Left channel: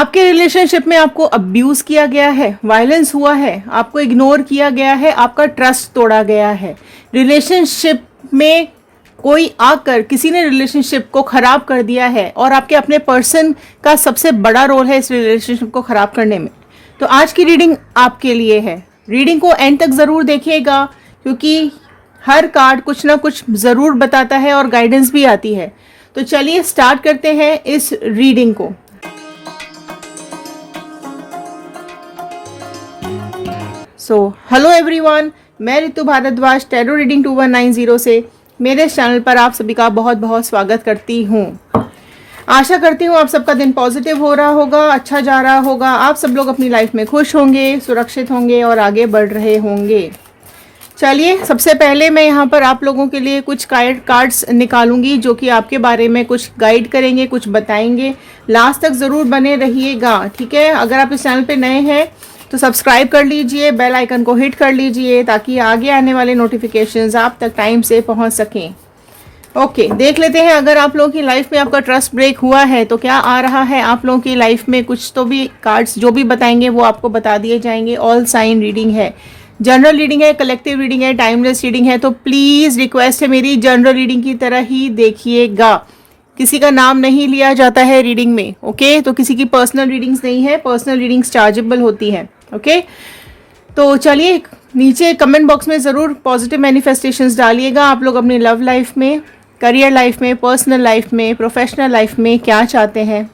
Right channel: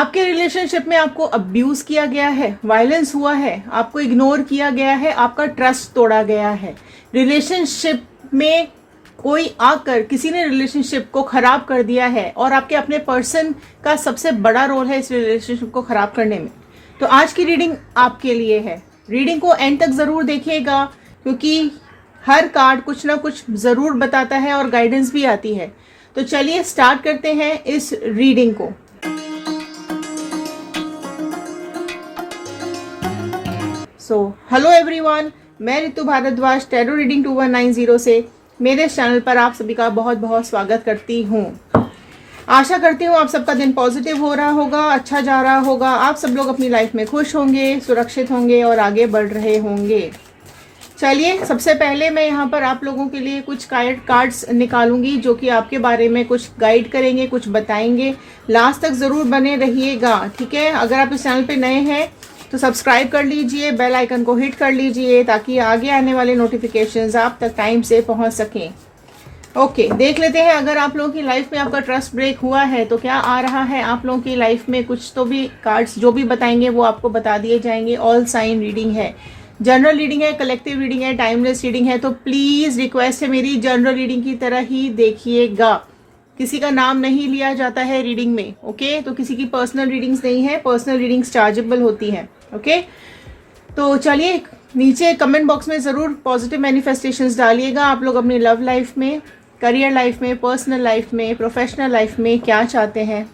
आपके रिलेशनशिप में आपको अब्यूज किया गया है, वायलेंस हुआ है, आपको इग्नोर किया गया है, आपका ट्रस्ट तोड़ा गया है, रिलेशनशिप में कोई आकर किसी ने रिलेशनशिप को खराब कर दिया है और आपके अपने पर्सन का सबसे बड़ा रोल है इस रिलेशनशिप को खराब करने में, तो आज की रीडिंग आपके लिए है। रीडिंग को एंड तक जरूर देखिएगा क्योंकि हर कार्ड कुछ ना कुछ जरूर बताता है और गाइडेंस भी आती है। तो चलिए स्टार्ट करते हैं इस रीडिंग को। हेलो एवरीवन, मैं ऋतु भारद्वाज टैरो रीडिंग 2190 से मेरे चैनल पर आप सभी का बहुत बहुत स्वागत करती हूँ। आशा करती हूँ आप सबका दिन पॉजिटिव हो रहा होगा, अच्छा जा रहा होगा, आप सब लोग अपनी लाइफ में खुश होंगे, सुरक्षित होंगे और आगे बढ़ रहे होंगे। चलिए सबसे पहले मैं यहाँ पर आप लोगों के लिए कुछ कार्ड्स निकालूंगी जो कि आपके बारे में कुछ गाइड करेंगे, कुछ बताएंगे। लास्ट तक ज़रूर बने रहिएगा, ठीक है। अगर आप इस चैनल पे नए हैं तो सब्सक्राइब कर लीजिए, बेल आइकन को हिट कर लीजिए ताकि आगे आने वाले नोटिफिकेशंस आप तक टाइम से पहुंच सकें। ओके, देख लेते हैं अगर आप लोगों की लाइफ में आपका ट्रस्ट ब्रेक हुआ है तो क्या आ रहा है आप लोगों की लाइफ में। कुछ तो भी कार्ड्स जो भी बताएंगे वो आपको बता दिए जाएंगे। ऑल साइन रीडिंग है, जनरल रीडिंग है, कलेक्टिव रीडिंग है, टाइमलेस रीडिंग है, तो प्लीज़ रिक्वेस्ट है मेरी जनरल रीडिंग की तरह ही देखिएगा। किसी का नाम नहीं लिया जाता है रीडिंग में, ओके। तो किसी की पर्सनल रीडिंग्स नहीं है, पर्सनल रीडिंग्स चार्जेबल होती है, ओके। तो चलिए नीचे कमेंट बॉक्स में ज़रूर पॉजिटिव मैनिफेस्टेशंस डालिएगा। आप लोग अपनी लव लाइफ में, करियर लाइफ में, पर्सनल लाइफ में, प्रोफेशनल लाइफ में क्या चाहते हैं,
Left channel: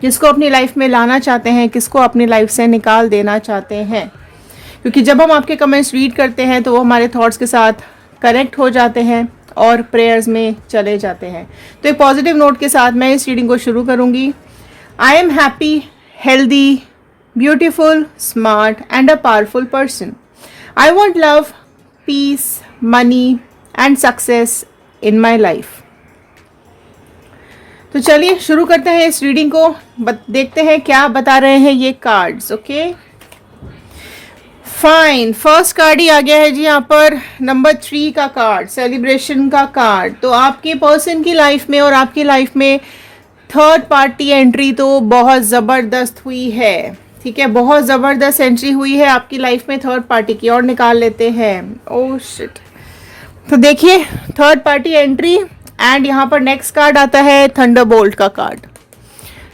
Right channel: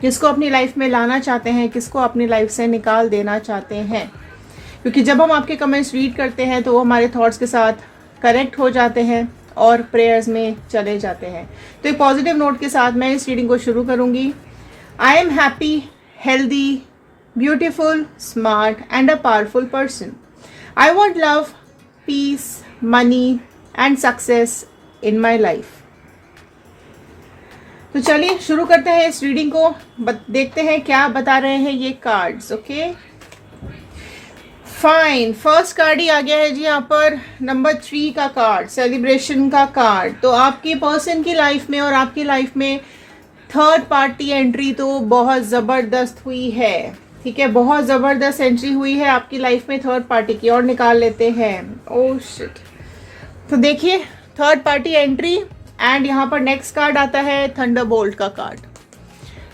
किसको अपनी लाइफ में लाना चाहते हैं, किसको अपनी लाइफ से निकाल देना चाहते हैं। क्योंकि जब हम आपके कमेंट्स रीड करते हैं तो वो हमारे थॉट्स के साथ कनेक्ट हो जाते हैं और प्रेयर्स में चले जाते हैं। तो एक पॉजिटिव नोट के साथ मैं इस रीडिंग को शुरू करूंगी। I am happy, healthy, beautiful, smart and a powerful person. I want love, peace, money and success in my life. तो चलिए शुरू करते हैं इस रीडिंग को। देखते हैं क्या बता रहे हैं ये cards, okay. Fine, first card ही आ गया है जी यहाँ पर, नंबर 3 का कार्ड, सेलिब्रेशन का कार्ड। तो आपके पर्सन की लाइफ में और आपकी लाइफ में थर्ड पार्टी एंट्री तो बहुत ज़बरदस्त हुई है, ठीक है। बहुत ज़बरदस्त एंट्री हुई है आपकी लाइफ में थर्ड पार्टी की, और निकाल लेते हैं। Oh shit. तो देखिए थर्ड पार्टी एंट्री एंड यहाँ पर नेक्स्ट कार्ड आता है थंडरबोल्ट का कार्ड।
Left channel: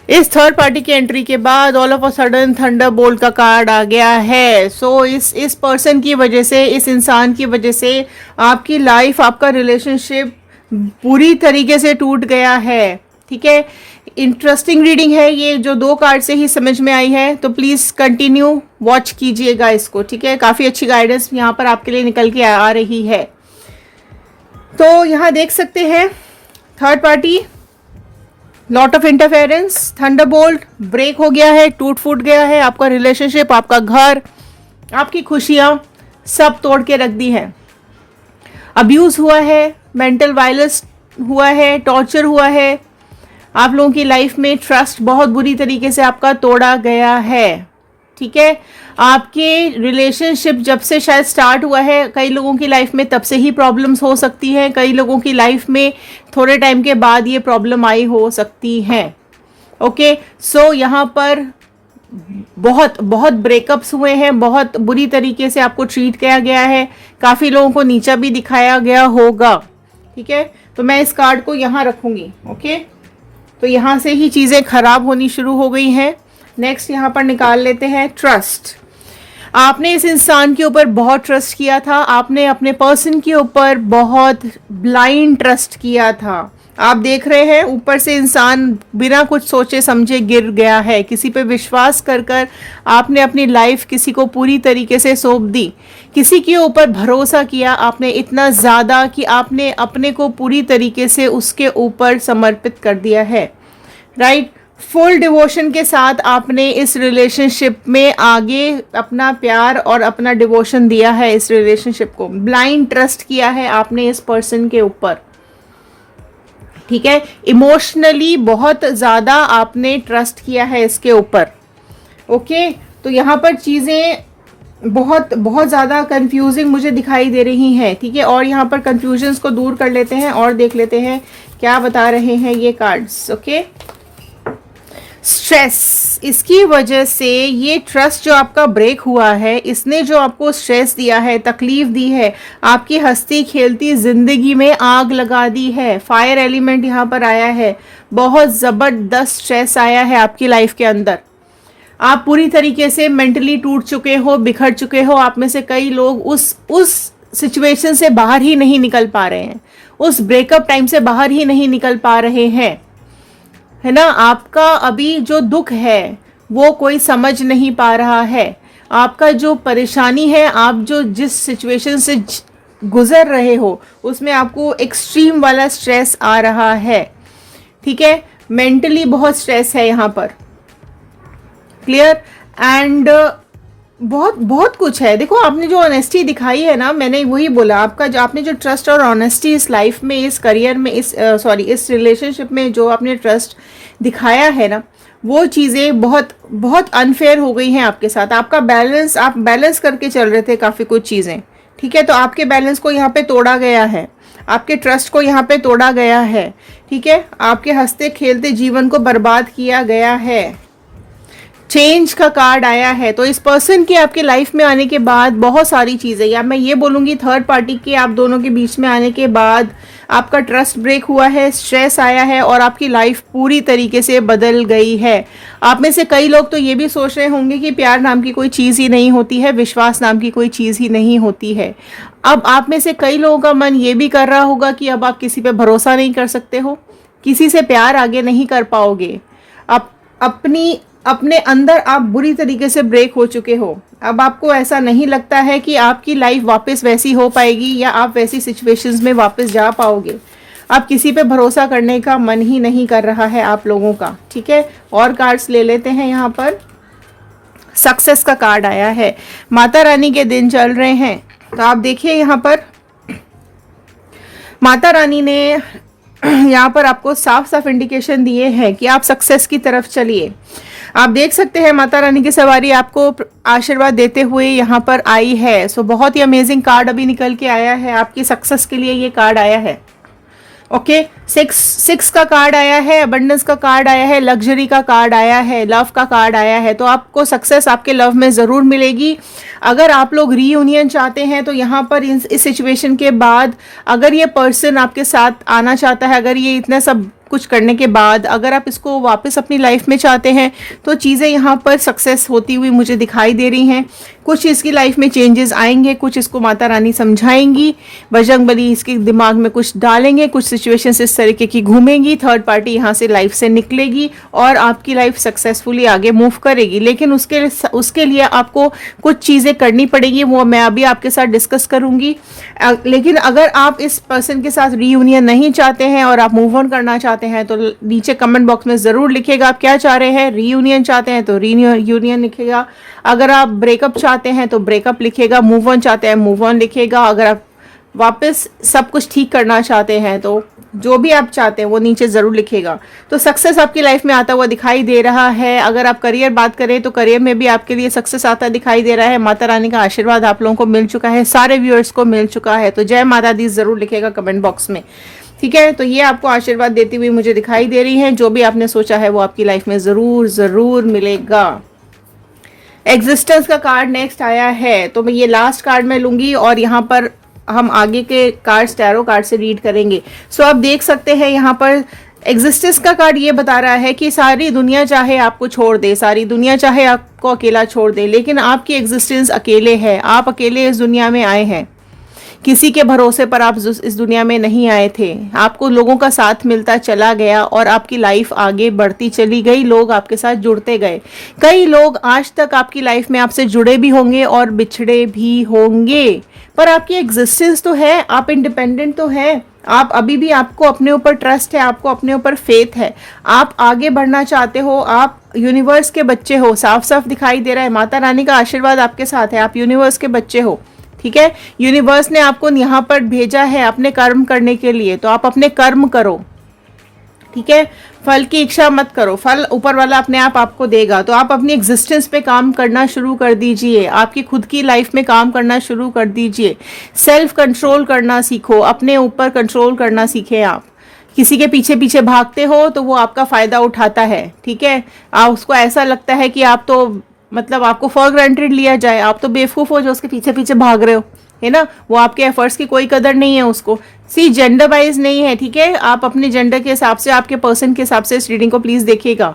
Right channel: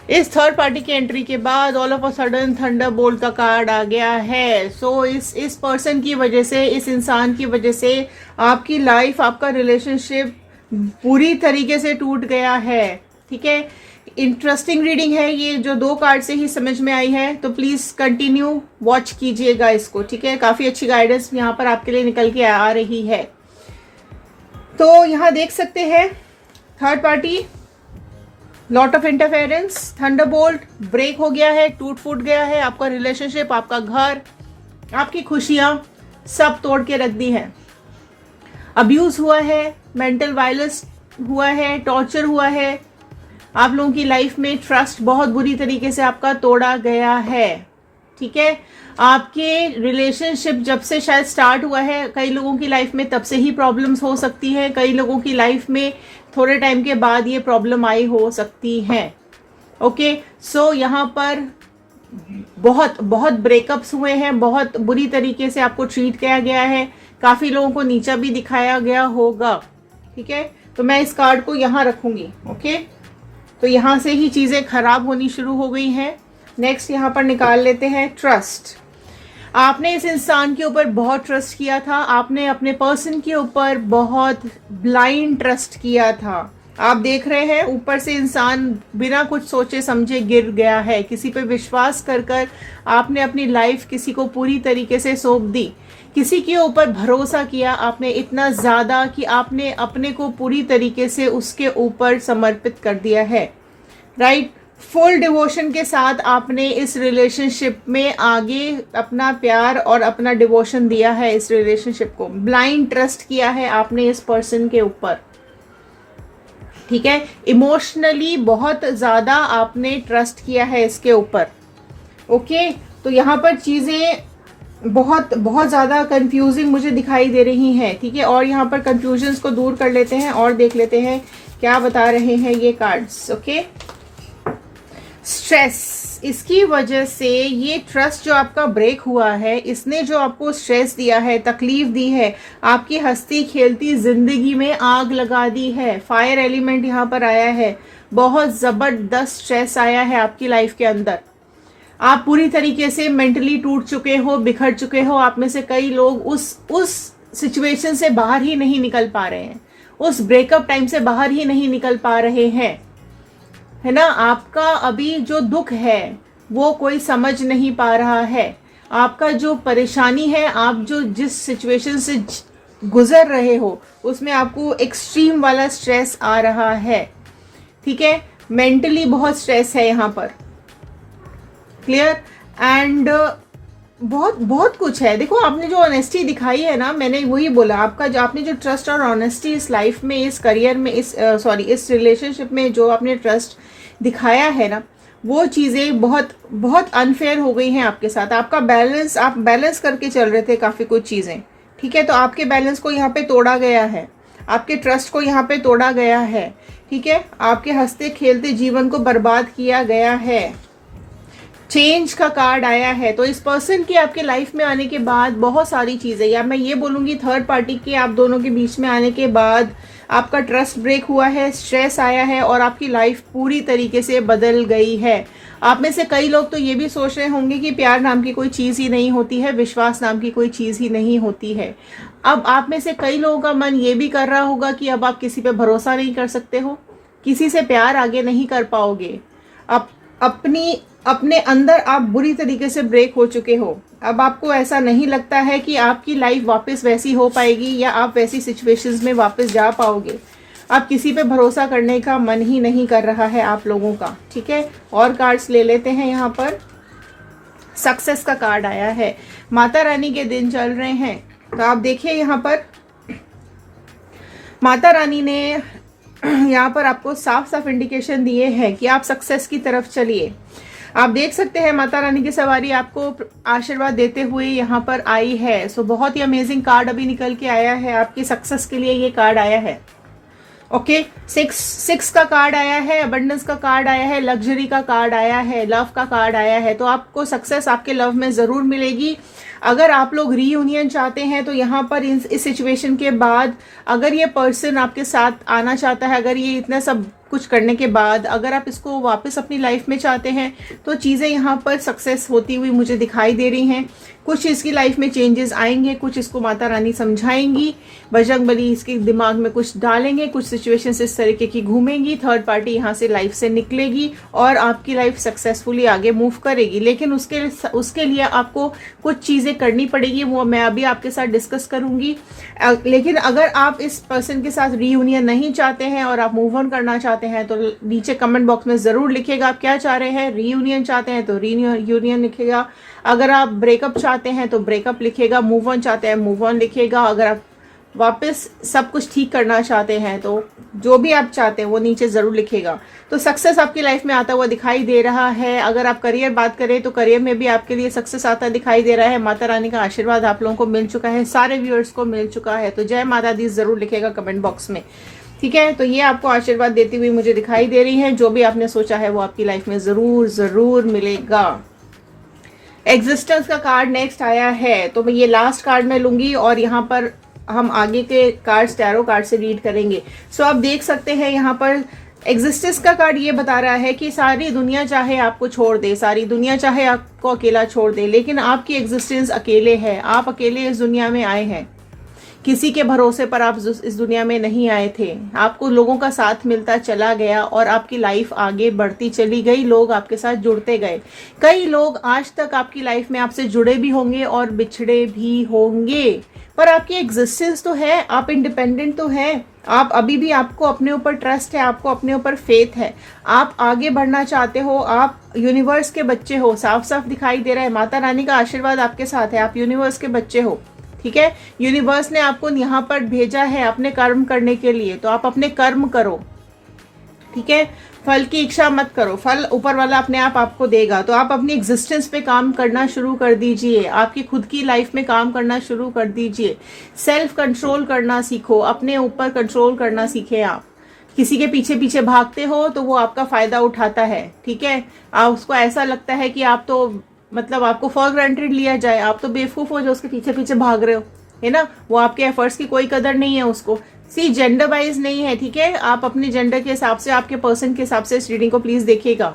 इस थर्ड पार्टी की एंट्री के बाद all of a sudden Thunderbolt का कार्ड आ गया है। सो इस पर्सन की वजह से, इस इंसान की वजह से आपकी लाइफ, आपका रिलेशनशिप पूरी तरीके से टूट गया है, ठीक है। इंटरेस्टिंग रीडिंग है ये, जो 2 कार्ड से ही समझ में आई है, तो प्लीज़ कंटिन्यू वॉच कीजिएगा इसको, ठीक है। काफ़ी अच्छी गाइडेंस यहाँ पर आपके लिए निकल के आ रही है। तो यहाँ देख सकते हैं third party, lot of interference, thunderbolt, break हो गया है, टूट फूट गया है आपका रिलेशनशिप, आपका घर, आपकी खुशियाँ सब तोड़ के रख दी है। अब्यूज़ हुआ है, मेंटल वायलेंस हुआ है, टॉर्चर हुआ है, आप लोगों की लाइफ में ट्रस्ट बहुत बुरी तरीके से आपका तोड़ा गया है, ठीक है। आपके रिलेशनशिप जब से शायद स्टार्ट हुआ है, कई लोगों की लाइफ में तब से ही प्रॉब्लम्स हो सकती हैं, कई लोगों की लाइफ में थोड़े टाइम के बाद ये प्रॉब्लम आई हो सकती है, ओके। सो यहाँ पर बहुत बहुत ब्रेकअप्स हुए हैं, बहुत बुरी तरीके से आपको ट्रीट किया गया है, काफ़ी लोगों को नीचा भी दिखाया गया होगा, ठीक है। तो मैं इस कार्ड को यहाँ रखूँगी, ओके। तो यहाँ से ही चीज़ें खराब होनी शुरू हो गई हैं। नेक्स्ट यहाँ पर निकाल लेते हैं ट्रस्ट। आपने इस इंसान के ऊपर बहुत ट्रस्ट किया था, आपने अपने पर्सन के ऊपर बहुत ब्लाइंड ट्रस्ट किया था। आप देख रहे हैं ऊपर से इंसान बिना कुछ सोचे समझे गिर गया है। किसी पे विश्वास कर कर आपने अपनी लाइफ किसी को पूरी तरीके से सौंप दी, किसी के ऊपर भरोसा किया आपने इतना ज़्यादा कि आपने अपने को पूरी तरीके से उसके ऊपर समर्पित कर दिया है, राइट। फुल डिवोशन के साथ आपने इस रिलेशनशिप में आगे अपना प्यार और अपना डिवोशन दिया है, इस रिलेशनशिप को ब्लाइंड ट्रस्ट किया है आपने इस पर्सन के ऊपर, ठीक है। इमोशनली बहुत ज़्यादा आपने ट्रस्ट किया है इसके ऊपर, ओके। तो यहाँ पर चीज़ें बहुत बहुत ज़्यादा कंफ्यूजिंग मुझे दिखाई दे रही हैं, ठीक है। और यहाँ पर कंफ्यूजन्स को दूर कर लेते हैं और देख लेते हैं क्या बता रहे हैं ये कार्ड्स, ओके। स्ट्रेस, इसकी वजह से ये ट्रस्ट जो आपका ब्रेक हुआ है, इसने जो आपको स्ट्रेस दिया है, तकलीफ दी है, आपकी हंसती खेलती जिंदगी में आग लगा दी है। फायर एलिमेंट यहाँ पर आया है, बहुत जबरदस्त स्ट्रेस आया है आपकी लाइफ के अंदर। आप पूरी तरीके से मेंटली टूट चुके हो, बिखर चुके हो। आप में से कई लोग उस सिचुएशन से बाहर ही नहीं निकल पा रहे हैं, उस ब्रेकअप टाइम से बाहर ही नहीं निकल पा रहे हैं, है ना। आपका अभी जो दुख है वो कोई समझ नहीं पा रहा है। आपका जो परेशानी है, आप जो जिस सिचुएशन से गुजर रहे हो, उसमें आपको एक्सट्रीम वाला स्ट्रेस आ रहा है, ठीक है। मेंटली बहुत स्ट्रेस है यहाँ पर, क्लियर। एंड बहुत बहुत कुछ है। देखो, आपने जो ऑनेस्टी दिखाई है ना, मैंने वही बोला, आपका जो आपने जो ट्रस्ट और ऑनेस्टी इस लाइफ में, इस करियर में, इस रिलेशनशिप में जो आपने ट्रस्ट दिखाया है ना, वो चीज़ें बहुत बहुत अनफेयर हो गई हैं आपके साथ। आपका बैलेंस, आप बैलेंस करके चल रहे थे काफ़ी कुछ चीज़ें, ठीक है। तो आपके बैलेंस को यहाँ पे तोड़ा गया है, आपके ट्रस्ट को यहाँ पे तोड़ा गया है, ठीक है। आपके हंसते खेलते जीवन को बर्बाद किया गया है। चेंज का कार्ड आया है। तो इस पर्सन के आपके लाइफ में आने के बाद बहुत सारी चीज़ें, या मैं ये बोलूँगी थर्ड पार्टी के आप दोनों के बीच में आने के बाद आपका ट्रस्ट ब्रेक हुआ है, स्ट्रेस आया है और आपकी लाइफ पूरी तरीके से बदल गई है। आप में से कई लोग तो ये भी सोच रहे होंगे कि प्यार नाम की कोई चीज़ ही नहीं होती है, विश्वास नाम की कोई चीज़ ही नहीं होती है। अब आप में से कई लोगों का मन ये भी कर रहा होगा कि अब आप किसी पे भरोसा नहीं कर सकते हो, किसी से प्यार आगे नहीं कर पाओगे। आप अपने अंदर आप बुरी तरीके से ब्रेक हो चुके हो। अब आपको ऐसा नहीं लगता है कि आपकी लाइफ वापस वैसी हो पाएगी या आप वैसी सिचुएशंस में वापस जा पाओगे। आप किसी पे भरोसा करने का मन ही नहीं कर रहा है आप लोगों का, ठीक है। और कार्ड्स ले लेते हैं। यहाँ पर सक्सेस का कार्ड आया है, माता रानी के दिन चल रहे हैं। तो आप देखिए यहाँ पर माता रानी ने यहाँ पर आपको साफ साफ इंडिकेशन दिए हैं कि आप सक्सेस की तरफ चलिए। आप देख सकते हैं माता रानी की सवारी आपको आशीर्वाद देते हुए यहाँ पर आई है। सो बहुत ही अमेजिंग कार्ड अभी निकल के आया है, आपकी सक्सेस के लिए ये कार्ड आया है। ओके, सिक्स का कार्ड आया है, अबंडेंस का कार्ड आया है, लग्जरी का कार्ड आया है, लव का कार्ड आया है। तो आपको सक्सेस आपके लव में ज़रूर मिलेगी। अगर आप लोग रीयूनियन चाहते हैं तो यहाँ पर इस सिचुएशन के बाद अगर ये पर्सन आपके साथ आना चाहता है, अगर ये इतना सब कुछ करने के बाद अगर आप इसको वापस अपनी लाइफ में चाहते हैं तो चीज़ें यहाँ पर सक्सेस होती हुई मुझे दिखाई दे रही हैं। कुछ इसकी लाइफ में चेंजेस आएंगे, कुछ इसको माता रानी समझाएंगी, बजरंगबली इसके दिमाग में कुछ डालेंगे, कुछ सिचुएशंस इस तरीके की घूमेंगी, थर्ड पार्टी यहाँ से लाइफ से निकलेगी और आपकी लाइफ सक्सेसफुली आगे मूव करेगी। लेकिन उसके लिए आपको कुछ चीज़ें करनी पड़ेगी, वो मैं अभी आपके साथ डिस्कस करूँगी। लेकिन अगर आप इस पर्सन के साथ रीयूनियन नहीं चाहते हैं और आप मूव ऑन करना चाहते हैं तो नीचे कमेंट बॉक्स में ज़रूर लिखेगा आप क्या चाह रहे हैं। रीयूनियन चाहते हैं तो रीयूनियन लिखेगा, अगर आप ब्रेकअप चाहते हैं तो ब्रेकअप लिखेगा, मूव ऑन चाहते हैं मूव ऑन लिखेगा, अगर आप वापस सब कुछ ठीक करना चाहते हैं तो जो भी आप चाहते हैं वो नीचे ज़रूर लिखेगा। तो सक्सेस आपकी लाइफ में आता हुआ दिखाई दे रहा है। अगर आप करियर बात करें तो करियर में भी आपके लिए सक्सेस आता दिखाई दे रहा है। माता रानी का आशीर्वाद आप लोगों को मिल चुका है, सारे व्यूअर्स को मिल चुका है। तो जय माता दी ज़रूर लिखेगा कमेंट बॉक्स में, ठीक है। तो ये आपको आशीर्वाद देती हुई मुझे दिखाई दे रही है। जो भी आपने सोचा है वो आपकी लाइफ में ज़रूर ज़रूर मिलेगा। एग्जिस्टेंस का कार्ड नेक्स्ट आया है, तो मैं ये लास्ट कार्ड में लूंगी और यहाँ पर हम आगे के कार्ड्स टैरो कार्ड से रीड करेंगे। सो आप देख सकते हैं यहाँ पर एग्जिस्टेंस का कार्ड ये बता रहा है कि सारी दुनिया चाहे आपको छोड़ दे, सारी दुनिया चाहे आपको अकेला छोड़ दे, लेकिन आपकी एग्जिस्टेंस अकेले है। आप अकेले इस दुनिया में आए हैं, किसी के भरोसे पर आप इस दुनिया में नहीं आए थे। आपको लोगों का साथ मिलता चला गया और आपकी लाइफ आगे बढ़ती चली गई, लोग आपके साथ जुड़ते गए। कई लोग आज तक आपकी लाइफ में आपसे जुड़े भी होंगे और बिछड़े भी होंगे, पर आपकी एग्जिस्टेंस तो है, आप इंडिपेंडेंट तो हैं, आप अभी भी, आपको अपने ऊपर ट्रस्ट है, आपको अपने ऊपर फेथ है, आप आगे बढ़ना चाहते हो, आप यूनिवर्स के बच्चे हो। साफ साफ दिखाई दे रहा है, माता रानी का आशीर्वाद आपके साथ है, आप यूनिवर्स के बच्चे हो, ठीक है। यूनिवर्स ने आपको यहाँ पर भेजा है अपने कर्म करने के लिए, तो आप अपने कर्म करो, ठीक है। फल की इच्छा मत करो, फल ऊपर वाला अपने आप आपको देगा। तो आप अपनी एग्जिस्टेंस पे काम करना शुरू कर दीजिए, आपकी खुद की लाइफ में काम करना शुरू कर दीजिए। सेल्फ कंट्रोल करना सीखो, अपने ऊपर कंट्रोल करना सीखे आप, किसी के पीछे पीछे भागते हो तो वो आपका फायदा उठाता है, ठीक है। आप उसको ऐसा लगता है कि आप तो मतलब आपको फॉर ग्रांटेड लिया जाए, आप तो बेवकूफ हो जो उसके पीछे पीछे भाग रहे हो, है ना। वो आपके एफर्ट्स की कोई कदर नहीं है उसको। सी जेंडर वाइज नहीं है, ठीक है। आप अपने जेंडर के हिसाब से, आपके पर्सन के हिसाब से इस रीडिंग को प्लीज देखिएगा।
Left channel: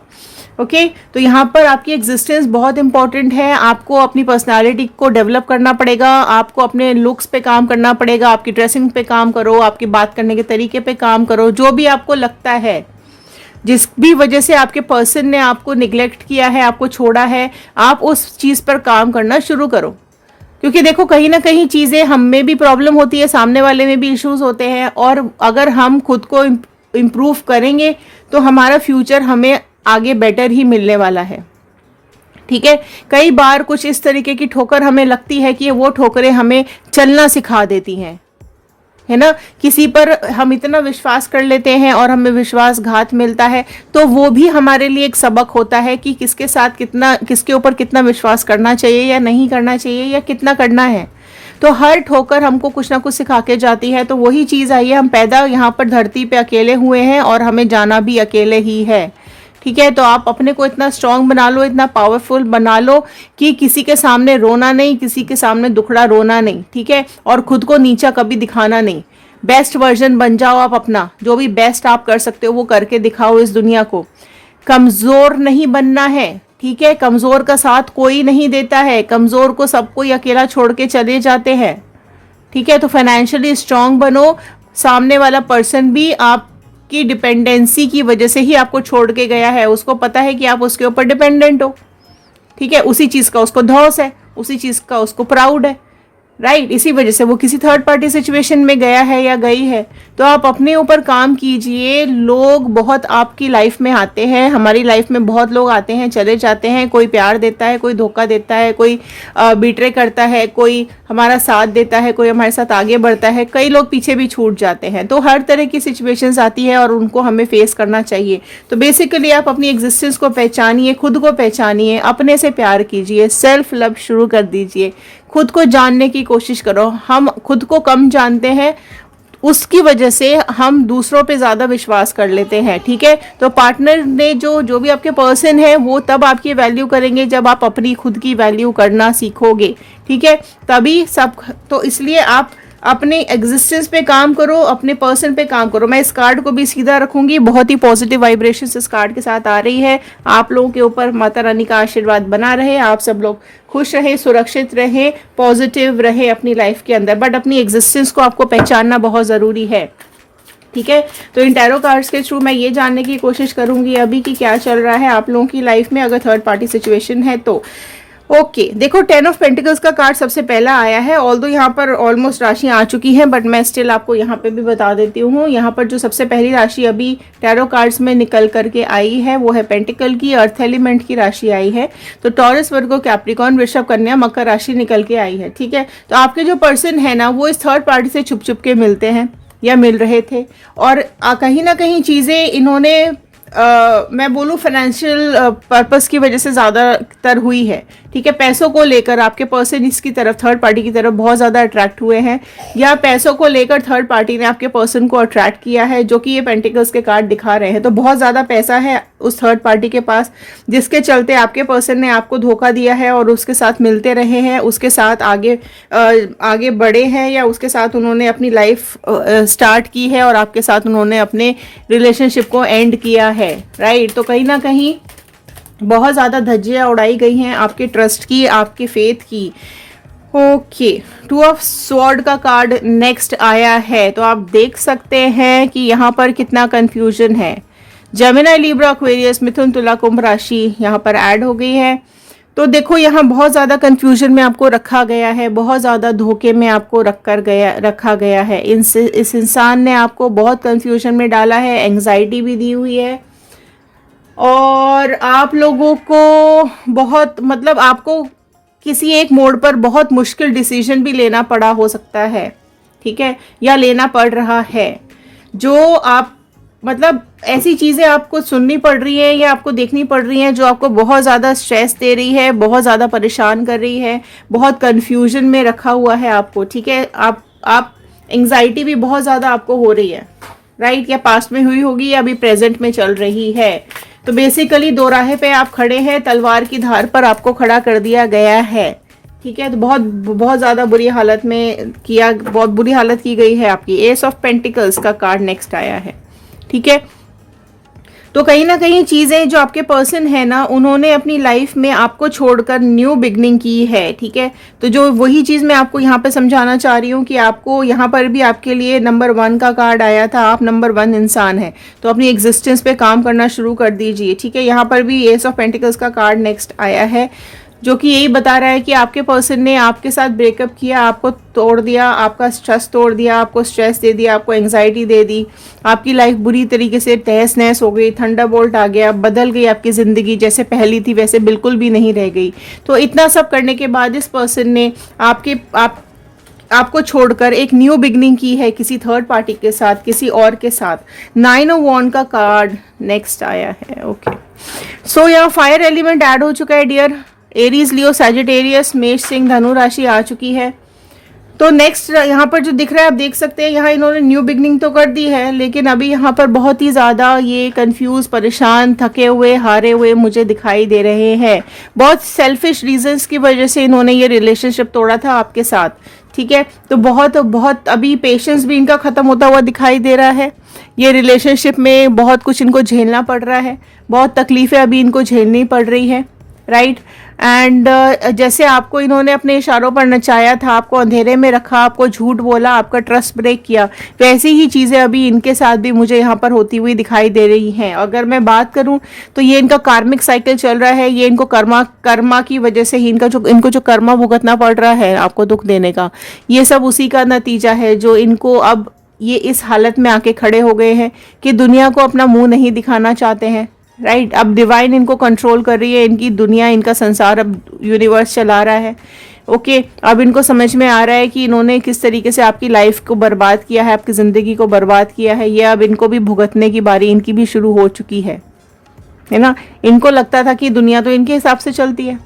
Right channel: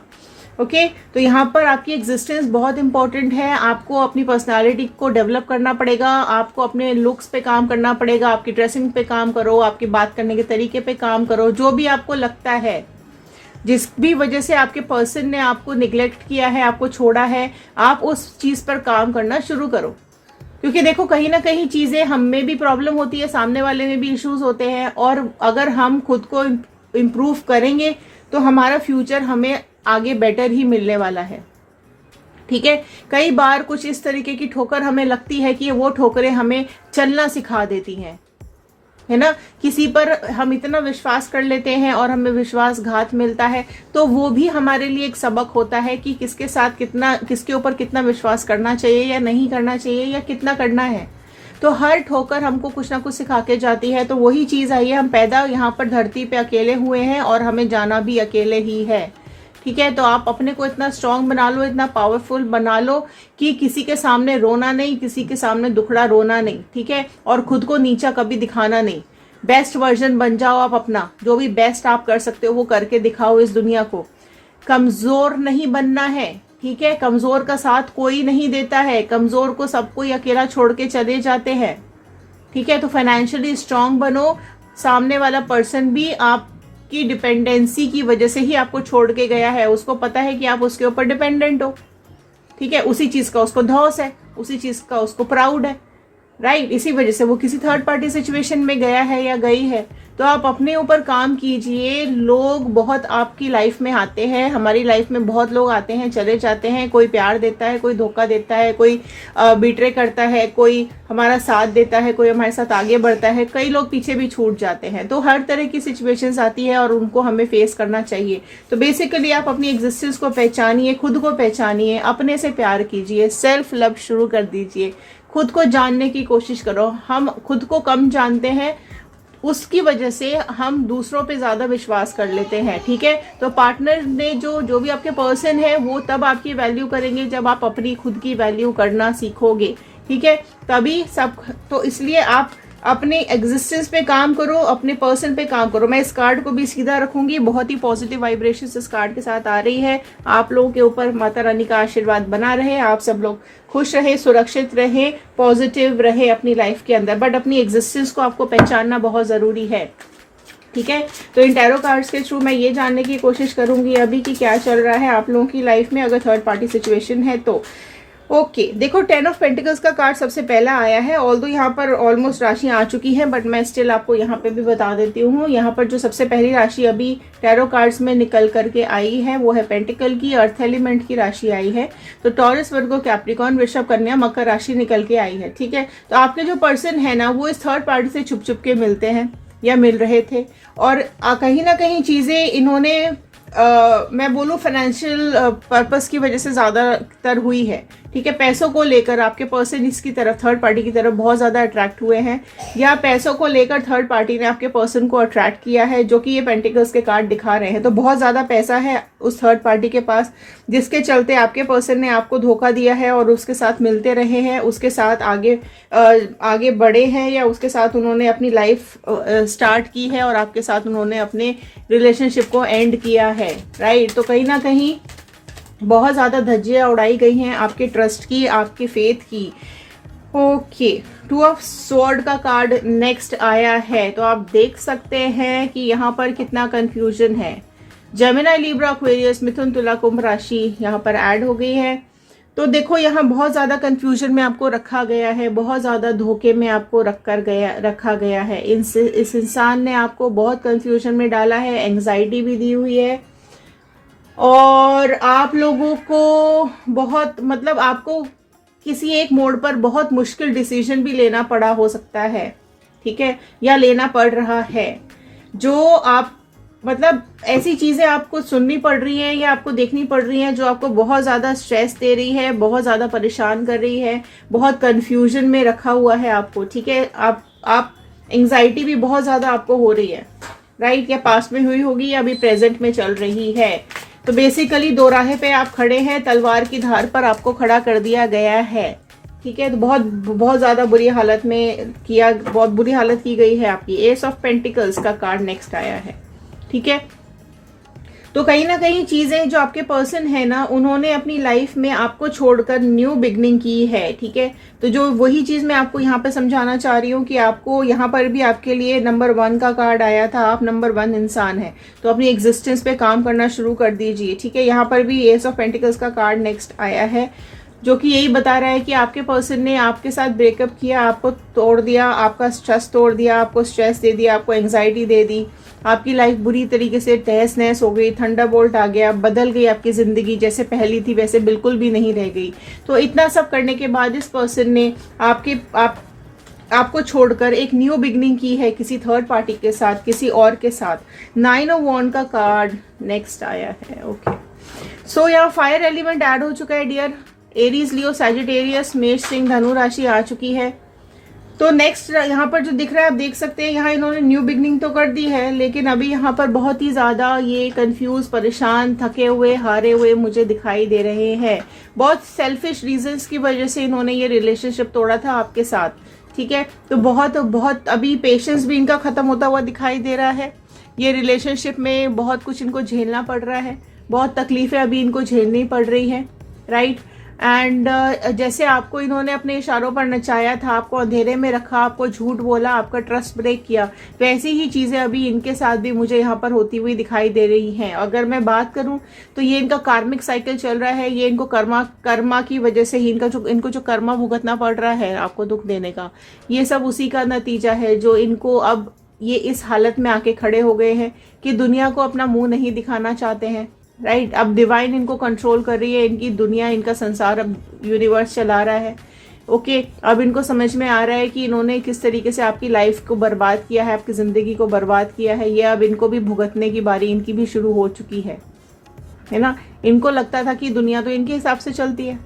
ओके तो यहाँ पर आपकी एग्जिस्टेंस बहुत इंपॉर्टेंट है। आपको अपनी पर्सनालिटी को डेवलप करना पड़ेगा, आपको अपने लुक्स पे काम करना पड़ेगा, आपकी ड्रेसिंग पे काम करो, आपकी बात करने के तरीके पे काम करो। जो भी आपको लगता है, जिस भी वजह से आपके पर्सन ने आपको निगलेक्ट किया है, आपको छोड़ा है, आप उस चीज़ पर काम करना शुरू करो। क्योंकि देखो कहीं ना कहीं चीज़ें हम में भी प्रॉब्लम होती है, सामने वाले में भी इश्यूज होते हैं, और अगर हम खुद को इम्प्रूव करेंगे तो हमारा फ्यूचर हमें आगे बेटर ही मिलने वाला है, ठीक है। कई बार कुछ इस तरीके की ठोकर हमें लगती है कि वो ठोकरें हमें चलना सिखा देती हैं, है ना। किसी पर हम इतना विश्वास कर लेते हैं और हमें विश्वासघात मिलता है, तो वो भी हमारे लिए एक सबक होता है कि किसके साथ कितना, किसके ऊपर कितना विश्वास करना चाहिए या नहीं करना चाहिए, या कितना करना है। तो हर ठोकर हमको कुछ ना कुछ सिखा के जाती है। तो वही चीज़ आई है, हम पैदा यहाँ पर धरती पे अकेले हुए हैं और हमें जाना भी अकेले ही है, ठीक है। तो आप अपने को इतना स्ट्रांग बना लो, इतना पावरफुल बना लो कि किसी के सामने रोना नहीं, किसी के सामने दुखड़ा रोना नहीं, ठीक है। और खुद को नीचा कभी दिखाना नहीं। बेस्ट वर्जन बन जाओ आप अपना, जो भी बेस्ट आप कर सकते हो वो करके दिखाओ इस दुनिया को। कमजोर नहीं बनना है, ठीक है। कमजोर का साथ कोई नहीं देता है, कमजोर को सब कोई अकेला छोड़ के चले जाते हैं, ठीक है। तो फाइनेंशियली स्ट्रांग बनो। सामने वाला पर्सन भी आपकी डिपेंडेंसी की वजह से ही आपको छोड़ के गया है, उसको पता है कि आप उसके ऊपर डिपेंडेंट हो, ठीक है। उसी चीज का उसको धौस है, उसी चीज का उसको प्राउड है, राइट। इसी वजह से वो किसी थर्ड पार्टी सिचुएशन में गया है या गई है। तो आप अपने ऊपर काम कीजिए। लोग बहुत आपकी लाइफ में आते हैं, हमारी लाइफ में बहुत लोग आते हैं, चले जाते हैं। कोई प्यार देता है, कोई धोखा देता है, कोई बिट्रे करता है, कोई हमारा साथ देता है, कोई हमारे साथ आगे बढ़ता है, कई लोग पीछे भी छूट जाते हैं। तो हर तरह की सिचुएशंस आती है और उनको हमें फेस करना चाहिए। तो बेसिकली आप अपनी एग्जिस्टेंस को पहचानिए, खुद को पहचानिए, अपने से प्यार कीजिए, सेल्फ लव शुरू कर दीजिए, खुद को जानने की कोशिश करो। हम खुद को कम जानते हैं, उसकी वजह से हम दूसरों पे ज्यादा विश्वास कर लेते हैं, ठीक है। तो पार्टनर ने जो भी आपके पर्सन है वो तब आपकी वैल्यू करेंगे जब आप अपनी खुद की वैल्यू करना सीखोगे, ठीक है। तभी सब, तो इसलिए आप अपने एग्जिस्टेंस पे काम करो, अपने पर्सन पे काम करो। मैं इस कार्ड को भी सीधा रखूंगी, बहुत ही पॉजिटिव वाइब्रेशंस इस कार्ड के साथ आ रही है। आप लोगों के ऊपर माता रानी का आशीर्वाद बना रहे, आप सब लोग खुश रहे, सुरक्षित रहे, पॉजिटिव रहे अपनी लाइफ के अंदर। बट अपनी एग्जिस्टेंस को आपको पहचानना बहुत ज़रूरी है, ठीक है। तो इन टैरो कार्ड्स के थ्रू मैं ये जानने की कोशिश करूंगी अभी कि क्या चल रहा है आप लोगों की लाइफ में, अगर थर्ड पार्टी सिचुएशन है तो। ओके देखो 10 ऑफ पेंटिकल्स का कार्ड सबसे पहला आया है। ऑल्दो यहाँ पर ऑलमोस्ट राशियां आ चुकी हैं, बट मैं स्टिल आपको यहाँ पे भी बता देती हूँ। यहाँ पर जो सबसे पहली राशि अभी टैरो कार्ड्स में निकल करके आई है वो है पेंटिकल की, अर्थ एलिमेंट की राशि आई है। तो टॉरस, वर्गो, कैप्रिकॉर्न, वृषभ, कन्या, मकर राशि निकल के आई है, ठीक है। तो आपके जो पर्सन है ना वो इस थर्ड पार्टी से छुप छुप के मिलते हैं या मिल रहे थे, और कहीं ना कहीं चीज़ें इन्होंने मैं बोलूँ फाइनेंशियल पर्पस की वजह से ज़्यादातर हुई है, ठीक है। पैसों को लेकर आपके पर्सन इसकी तरफ, थर्ड पार्टी की तरफ बहुत ज़्यादा अट्रैक्ट हुए हैं, या पैसों को लेकर थर्ड पार्टी ने आपके पर्सन को अट्रैक्ट किया है, जो कि ये पेंटिकल्स के कार्ड दिखा रहे हैं। तो बहुत ज़्यादा पैसा है उस थर्ड पार्टी के पास, जिसके चलते आपके पर्सन ने आपको धोखा दिया है और उसके साथ मिलते रहे हैं, उसके साथ आगे बढ़े हैं, या उसके साथ उन्होंने अपनी लाइफ स्टार्ट की है और आपके साथ उन्होंने अपने रिलेशनशिप को एंड किया है, राइट। तो कहीं ना कहीं बहुत ज़्यादा धज्जियाँ उड़ाई गई हैं आपके ट्रस्ट की, आपके फेथ की। ओके 2 ऑफ स्वॉर्ड का कार्ड नेक्स्ट आया है। तो आप देख सकते हैं कि यहाँ पर कितना कंफ्यूजन है। जेमिनी, लिब्रा, एक्वेरियस, मिथुन, तुला, कुंभ राशि यहाँ पर ऐड हो गई है। तो देखो यहाँ बहुत ज़्यादा कंफ्यूजन में आपको रखा गया है, बहुत ज़्यादा धोखे में आपको रखा गया है। इस इंसान ने आपको बहुत कंफ्यूजन में डाला है, एंग्जाइटी भी दी हुई है, और आप लोगों को बहुत, मतलब आपको किसी एक मोड़ पर बहुत मुश्किल डिसीजन भी लेना पड़ा हो सकता है, ठीक है, या लेना पड़ रहा है। जो आप, मतलब ऐसी चीज़ें आपको सुननी पड़ रही है या आपको देखनी पड़ रही हैं जो आपको बहुत ज़्यादा स्ट्रेस दे रही है, बहुत ज़्यादा परेशान कर रही है, बहुत कंफ्यूजन में रखा हुआ है आपको, ठीक है। आप एंग्जाइटी भी बहुत ज़्यादा आपको हो रही है, राइट, या पास्ट में हुई होगी या अभी प्रेजेंट में चल रही है। तो बेसिकली दो राहे पे आप खड़े हैं, तलवार की धार पर आपको खड़ा कर दिया गया है, ठीक है। तो बहुत बहुत ज्यादा बुरी हालत में किया, बहुत बुरी हालत की गई है आपकी। एस ऑफ पेंटिकल्स का कार्ड नेक्स्ट आया है, ठीक है। तो कहीं ना कहीं चीजें जो आपके पर्सन है ना, उन्होंने अपनी लाइफ में आपको छोड़कर न्यू बिगनिंग की है, ठीक है। तो जो वही चीज मैं आपको यहाँ पे समझाना चाह रही हूँ कि आपको यहाँ पर भी आपके लिए नंबर 1 का कार्ड आया था, आप नंबर 1 इंसान है, तो अपनी एग्जिस्टेंस पे काम करना शुरू कर दीजिए, ठीक है। यहाँ पर भी एस ऑफ पेंटिकल्स का कार्ड नेक्स्ट आया है, जो कि यही बता रहा है कि आपके पर्सन ने आपके साथ ब्रेकअप किया, आपको तोड़ दिया, आपका ट्रस्ट तोड़ दिया, आपको स्ट्रेस दे दिया, आपको एंग्जाइटी दे दी, आपकी लाइफ बुरी तरीके से तहस नहस हो गई, थंडरबोल्ट आ गया, बदल गई आपकी जिंदगी, जैसे पहली थी वैसे बिल्कुल भी नहीं रह गई। तो इतना सब करने के बाद इस पर्सन ने आपको छोड़कर एक न्यू बिगनिंग की है किसी थर्ड पार्टी के साथ, किसी और के साथ। 9 ऑफ वॉन्ड का कार्ड नेक्स्ट आया है, ओके। सो यहाँ फायर एलिमेंट ऐड हो चुका है डियर। एरीज, लियो, सैजिटेरियस, मेष, सिंह, धनु राशि आ चुकी है। तो नेक्स्ट यहाँ पर जो दिख रहा है आप देख सकते हैं, यहाँ इन्होंने न्यू बिगनिंग तो कर दी है, लेकिन अभी यहाँ पर बहुत ही ज्यादा ये कंफ्यूज, परेशान, थके हुए, हारे हुए मुझे दिखाई दे रहे हैं। बहुत सेल्फिश रीजंस की वजह से इन्होंने ये रिलेशनशिप तोड़ा था आपके साथ, ठीक है। तो बहुत बहुत अभी पेशेंस भी इनका खत्म होता हुआ दिखाई दे रहा है। ये रिलेशनशिप में बहुत कुछ इनको झेलना पड़ रहा है, बहुत तकलीफें अभी इनको झेलनी पड़ रही है, राइट। एंड जैसे आपको इन्होंने अपने इशारों पर नचाया था, आपको अंधेरे में रखा, आपको झूठ बोला, आपका ट्रस्ट ब्रेक किया, वैसी ही चीज़ें अभी इनके साथ भी मुझे यहाँ पर होती हुई दिखाई दे रही हैं। अगर मैं बात करूँ तो ये इनका कार्मिक साइकिल चल रहा है, ये इनको कर्मा की वजह से ही इनको जो कर्मा भुगतना पड़ रहा है आपको दुख देने का, ये सब उसी का नतीजा है जो इनको अब ये इस हालत में आके खड़े हो गए हैं कि दुनिया को अपना मुंह नहीं दिखाना चाहते हैं, राइट। अब डिवाइन इनको कंट्रोल कर रही है, इनकी दुनिया, इनका संसार अब यूनिवर्स चला रहा है, ओके। अब इनको समझ में आ रहा है कि इन्होंने किस तरीके से आपकी लाइफ को बर्बाद किया है, आपकी ज़िंदगी को बर्बाद किया है। ये अब इनको भी भुगतने की बारी इनकी भी शुरू हो चुकी है ना। इनको लगता था कि दुनिया तो इनके हिसाब से चलती है,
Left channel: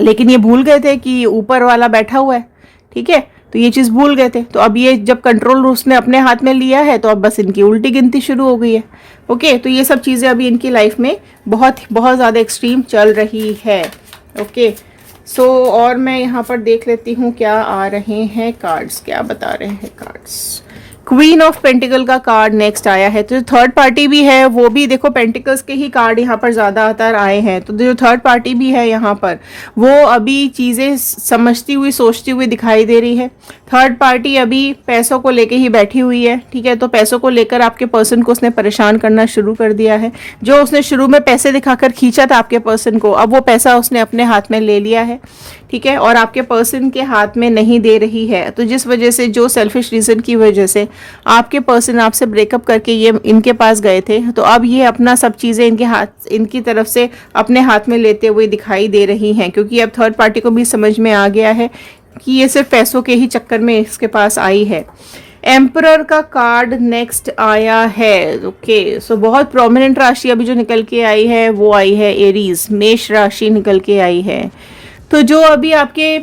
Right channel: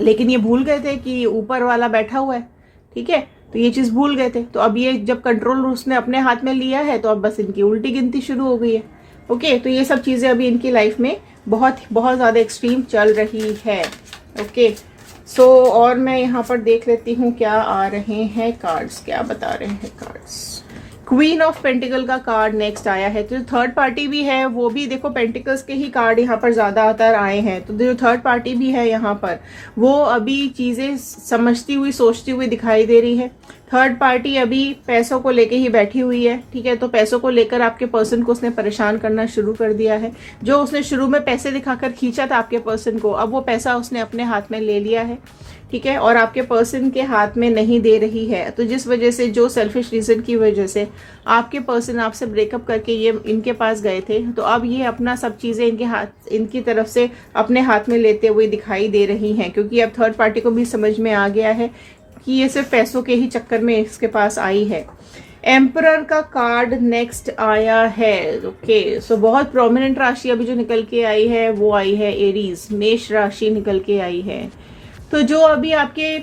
लेकिन ये भूल गए थे कि ऊपर वाला बैठा हुआ है, ठीक है। तो ये चीज़ भूल गए थे। तो अब ये जब कंट्रोल उसने अपने हाथ में लिया है, तो अब बस इनकी उल्टी गिनती शुरू हो गई है, ओके। तो ये सब चीज़ें अभी इनकी लाइफ में बहुत बहुत ज़्यादा एक्सट्रीम चल रही है, ओके। सो और मैं यहाँ पर देख लेती हूँ क्या आ रहे हैं कार्ड्स, क्या बता रहे हैं कार्ड्स। क्वीन ऑफ पेंटिकल का कार्ड नेक्स्ट आया है। तो जो थर्ड पार्टी भी है वो भी देखो पेंटिकल्स के ही कार्ड यहाँ पर ज्यादातर आए हैं। तो जो थर्ड पार्टी भी है यहाँ पर वो अभी चीजें समझती हुई, सोचती हुई दिखाई दे रही है। थर्ड पार्टी अभी पैसों को लेके ही बैठी हुई है, ठीक है। तो पैसों को लेकर आपके पर्सन को उसने परेशान करना शुरू कर दिया है। जो उसने शुरू में पैसे दिखाकर खींचा था आपके पर्सन को, अब वो पैसा उसने अपने हाथ में ले लिया है, ठीक है, और आपके पर्सन के हाथ में नहीं दे रही है। तो जिस वजह से, जो सेल्फिश रीजन की वजह से आपके पर्सन आपसे ब्रेकअप करके ये इनके पास गए थे, तो अब ये अपना सब चीज़ें इनकी तरफ से अपने हाथ में लेते हुए दिखाई दे रही हैं, क्योंकि अब थर्ड पार्टी को भी समझ में आ गया है कि ये सिर्फ पैसों के ही चक्कर में इसके पास आई है। एम्परर का कार्ड नेक्स्ट आया है, ओके। सो बहुत प्रोमिनेंट राशि अभी जो निकल के आई है वो आई है एरीज, मेष राशि निकल के आई है। तो जो अभी आपके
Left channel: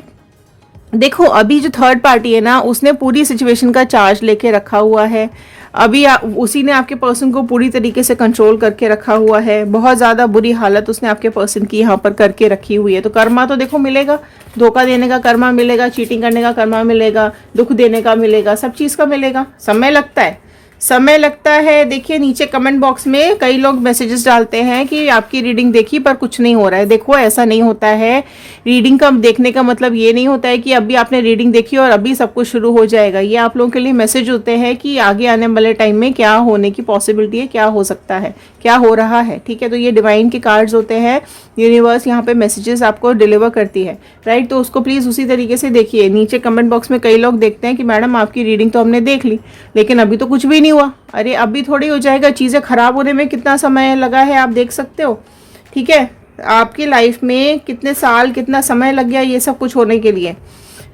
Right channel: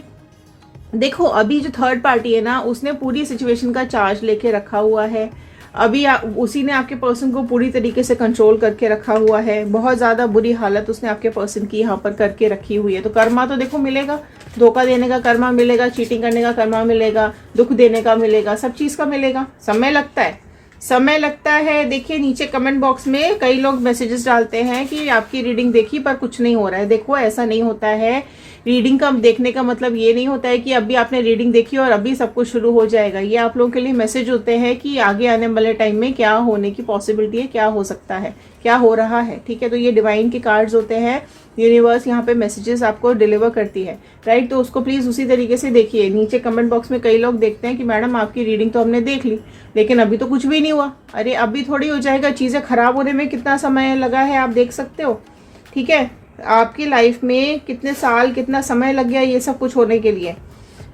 देखो, अभी जो थर्ड पार्टी है ना, उसने पूरी सिचुएशन का चार्ज लेके रखा हुआ है। अभी उसी ने आपके पर्सन को पूरी तरीके से कंट्रोल करके रखा हुआ है। बहुत ज़्यादा बुरी हालत उसने आपके पर्सन की यहाँ पर करके रखी हुई है। तो कर्मा तो देखो मिलेगा, धोखा देने का कर्मा मिलेगा, चीटिंग करने का कर्मा मिलेगा, दुख देने का मिलेगा, सब चीज़ का मिलेगा। समय लगता है, समय लगता है। देखिए नीचे कमेंट बॉक्स में कई लोग मैसेजेस डालते हैं कि आपकी रीडिंग देखी पर कुछ नहीं हो रहा है। देखो ऐसा नहीं होता है। रीडिंग का देखने का मतलब ये नहीं होता है कि अभी आपने रीडिंग देखी और अभी सब कुछ शुरू हो जाएगा। ये आप लोगों के लिए मैसेज होते हैं कि आगे आने वाले टाइम में क्या होने की पॉसिबिलिटी है, क्या हो सकता है, क्या हो रहा है, ठीक है। तो ये डिवाइन के कार्ड्स होते हैं, यूनिवर्स यहाँ पे मैसेजेस आपको डिलीवर करती है, राइट। तो उसको प्लीज़ उसी तरीके से देखिए। नीचे कमेंट बॉक्स में कई लोग देखते हैं कि मैडम आपकी रीडिंग तो हमने देख ली लेकिन अभी तो कुछ भी नहीं हुआ। अरे अभी थोड़ी हो जाएगा, चीज़ें खराब होने में कितना समय लगा है आप देख सकते हो, ठीक है। आपकी लाइफ में कितने साल, कितना समय लग गया ये सब कुछ होने के लिए।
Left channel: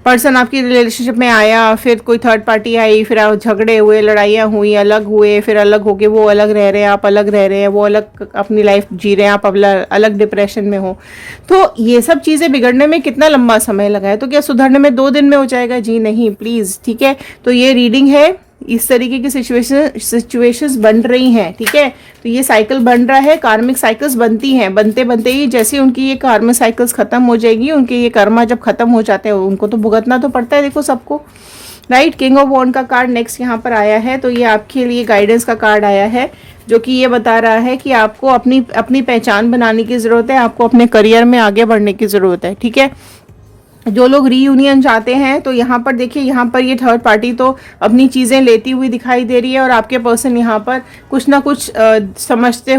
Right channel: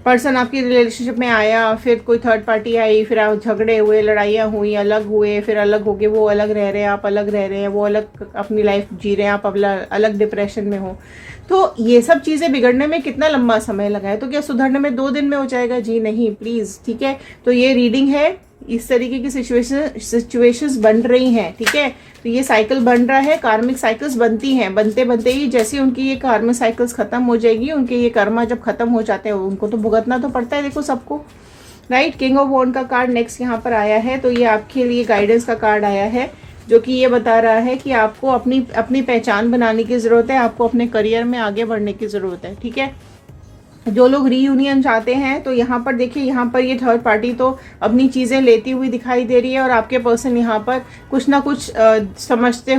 पर्सन आपकी रिलेशनशिप में आया, फिर कोई थर्ड पार्टी आई, फिर आप झगड़े हुए, लड़ाइयाँ हुई, अलग हुए, फिर अलग होके वो अलग रह रहे हैं, आप अलग रह रहे हैं, वो अलग अपनी लाइफ जी रहे हैं, आप अलग डिप्रेशन में हो। तो ये सब चीज़ें बिगड़ने में कितना लंबा समय लगा है। तो क्या सुधरने में 2 दिन में हो जाएगा? जी नहीं, प्लीज़, ठीक है। तो ये रीडिंग है इस तरीके की सिचुएशंस बन रही हैं, ठीक है। तो ये साइकिल बन रहा है, कार्मिक साइकिल्स बनती हैं, बनते बनते ही जैसे उनकी ये कार्मिक साइकिल्स खत्म हो जाएगी, उनके ये कर्मा जब खत्म हो जाते हैं उनको तो भुगतना तो पड़ता है, देखो सबको, राइट। किंग ऑफ वॉन्ड का कार्ड नेक्स्ट यहाँ पर आया है, तो ये आपके लिए गाइडेंस का कार्ड आया है, जो कि ये बता रहा है कि आपको अपनी अपनी पहचान बनाने की ज़रूरत है, आपको अपने करियर में आगे बढ़ने की ज़रूरत है, ठीक है। जो लोग रीयूनियन चाहते हैं तो यहाँ पर देखिए, यहाँ पर ये थर्ड पार्टी तो अपनी चीज़ें लेती हुई दिखाई दे रही है, और आपके पर्सन यहाँ पर कुछ ना कुछ समझते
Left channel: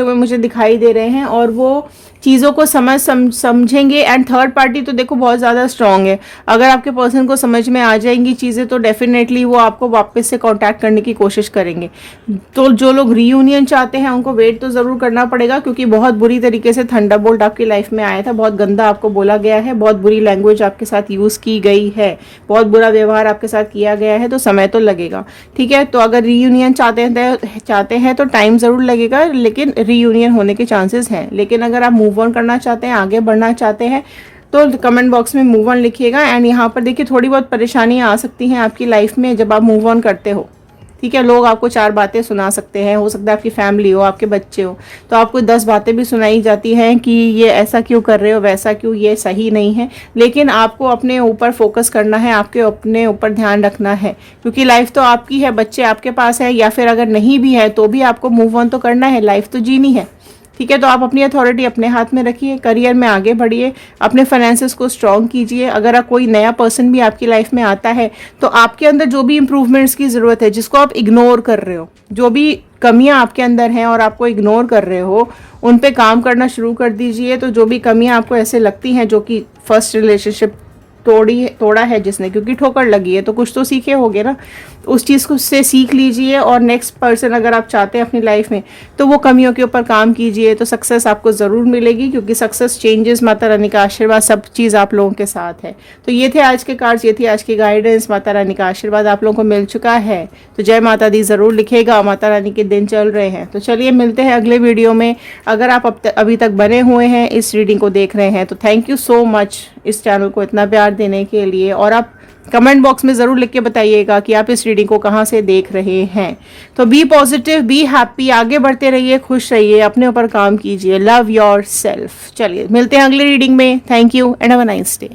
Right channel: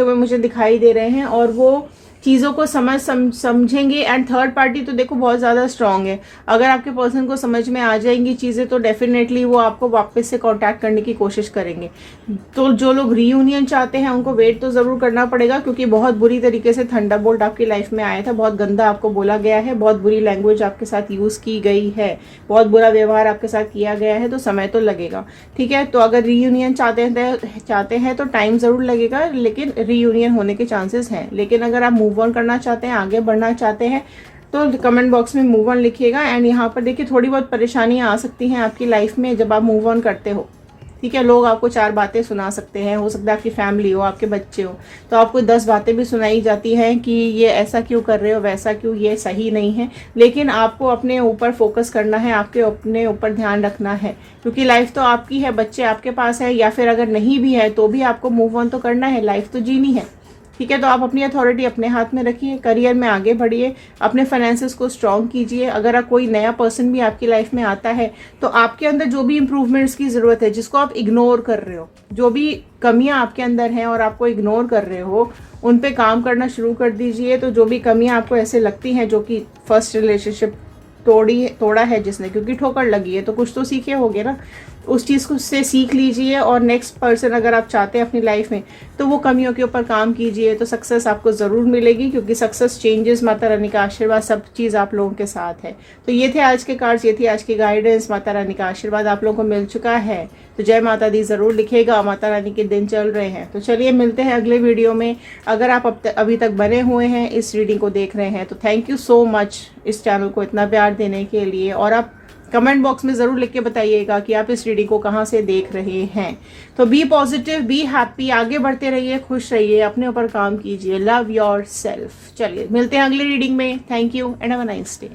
हुए मुझे दिखाई दे रहे हैं, और वो चीज़ों को समझेंगे। एंड थर्ड पार्टी तो देखो बहुत ज़्यादा स्ट्रांग है, अगर आपके पर्सन को समझ में आ जाएंगी चीज़ें तो डेफिनेटली वो आपको वापस से कांटेक्ट करने की कोशिश करेंगे। तो जो लोग रीयूनियन चाहते हैं उनको वेट तो ज़रूर करना पड़ेगा, क्योंकि बहुत बुरी तरीके से थंडरबोल्ट आपकी लाइफ में आया था, बहुत गंदा आपको बोला गया है, बहुत बुरी लैंग्वेज आपके साथ यूज़ की गई है, बहुत बुरा व्यवहार आपके साथ किया गया है, तो समय तो लगेगा, ठीक है। तो अगर रीयूनियन चाहते हैं तो टाइम ज़रूर लगेगा, लेकिन रीयूनियन होने के चांसेस हैं। लेकिन अगर आप मूव ऑन करना चाहते हैं, आगे बढ़ना चाहते हैं, तो कमेंट बॉक्स में मूव ऑन लिखिएगा। एंड यहाँ पर देखिए थोड़ी बहुत परेशानियाँ आ सकती हैं आपकी लाइफ में जब आप मूव ऑन करते हो, ठीक है। लोग आपको 4 बातें सुना सकते हैं, हो सकता है आपकी फैमिली हो, आपके बच्चे हो, तो आपको 10 बातें भी सुनाई जाती हैं कि ये ऐसा क्यों कर रहे हो, वैसा क्यों, ये सही नहीं है। लेकिन आपको अपने ऊपर फोकस करना है, आपके अपने ऊपर ध्यान रखना है, क्योंकि लाइफ तो आपकी है, बच्चे आपके पास है, या फिर अगर नहीं भी है तो भी आपको मूव ऑन तो करना है, लाइफ तो जीनी है, ठीक है। तो आप अपनी अथॉरिटी अपने हाथ में रखिए, करियर में आगे बढ़िए, अपने फाइनेंसेस को स्ट्रॉन्ग कीजिए। अगर आप कोई नया पर्सन भी आपकी लाइफ में आता है तो आपके अंदर जो भी इंप्रूवमेंट्स की ज़रूरत है, जिसको आप इग्नोर कर रहे हो, जो भी कमियां आपके अंदर हैं और आपको इग्नोर कर रहे हो, उन पे काम करना शुरू कर दीजिए। तो जो भी कमियां आपको ऐसे लगती हैं, जो कि फर्स्ट रिलेशनशिप तोड़ा है जिसने, क्योंकि ठोकर लगी है, तो कुछ तो सीखे होगे ना, उस चीज़ को से सीख लीजिए। और नेक्स्ट पर्सन अगर आप चाहते हैं अपनी लाइफ में, तो वो कमियों के ऊपर काम कीजिए, तो सक्सेस आपको ज़रूर मिलेगी, क्योंकि सक्सेस, चेंजेस, माता रानी का आशीर्वाद, सब चीज़ आप लोगों के साथ है। तो ये थे आज के कार्ड्स, ये थी आज की गाइडेंस, माता रानी का आशीर्वाद आप लोगों को मिल चुका है। तो जय माता दी ज़रूर लिखेगा, माता रानी के दिन चल रहे हैं। तो चलिए मिलते हैं अगले वीडियो में। अगर आप अभी तक बने हुए हैं, इस रीडिंग को देख रहे हैं, तो थैंक यू सो मच इस चैनल को इतना प्यार देने के लिए। और आप कमेंट बॉक्स में ज़रूर लिख के बताइएगा कि आप इस रीडिंग को कहाँ से देख रहे हैं। तो बी पॉजिटिव, बी हैप्पी, आगे बढ़ते रहिए, खुश रहिए, अपने ऊपर काम कीजिए, लव योर सेल्फ। चलिए मिलते हैं अगली रीडिंग में। Thank you and have a nice day.